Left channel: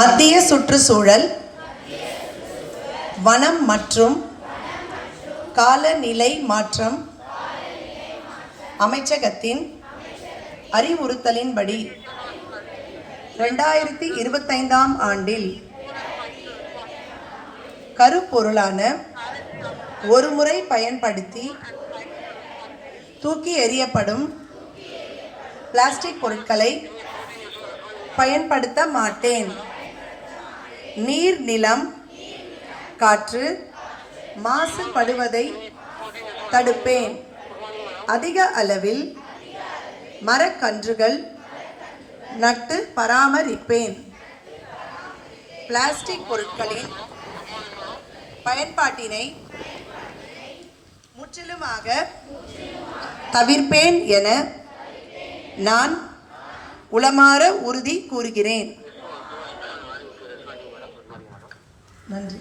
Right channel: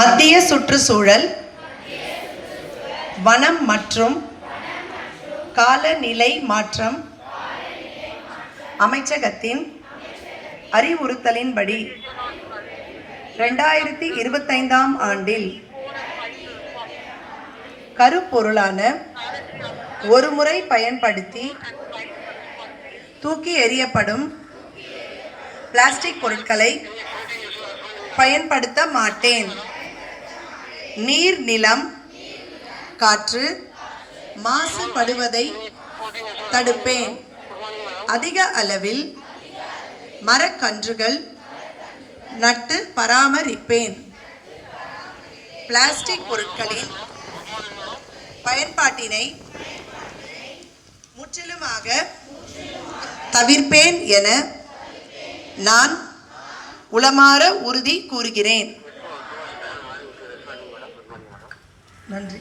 மத்திய சுற்றுச்சூழல், வனம் மற்றும் காலநிலை மாற்றம் அமைச்சகத்தின் அறிவுறுத்தலின்படி 2025ஆம் ஆண்டில் கருப்பொருளான ஒருமுறை பயன்படுத்தி தூக்கி எறியப்படும் பிளாஸ்டிக் பொருட்களை பயன்படுத்த மாட்டேன். நீர், நிலம், காற்று மாசுபடுவதை தடுப்பேன். அதிக அளவில் மரக்கன்றுகள் நட்டு பராமரிப்பேன். பிளாஸ்டிக் பொருட்களின் பயன்பாட்டினை முற்றிலுமாக தவிர்ப்பேன் என நான் உளமாற உறுதி கூறுகிறேன். நன்றி.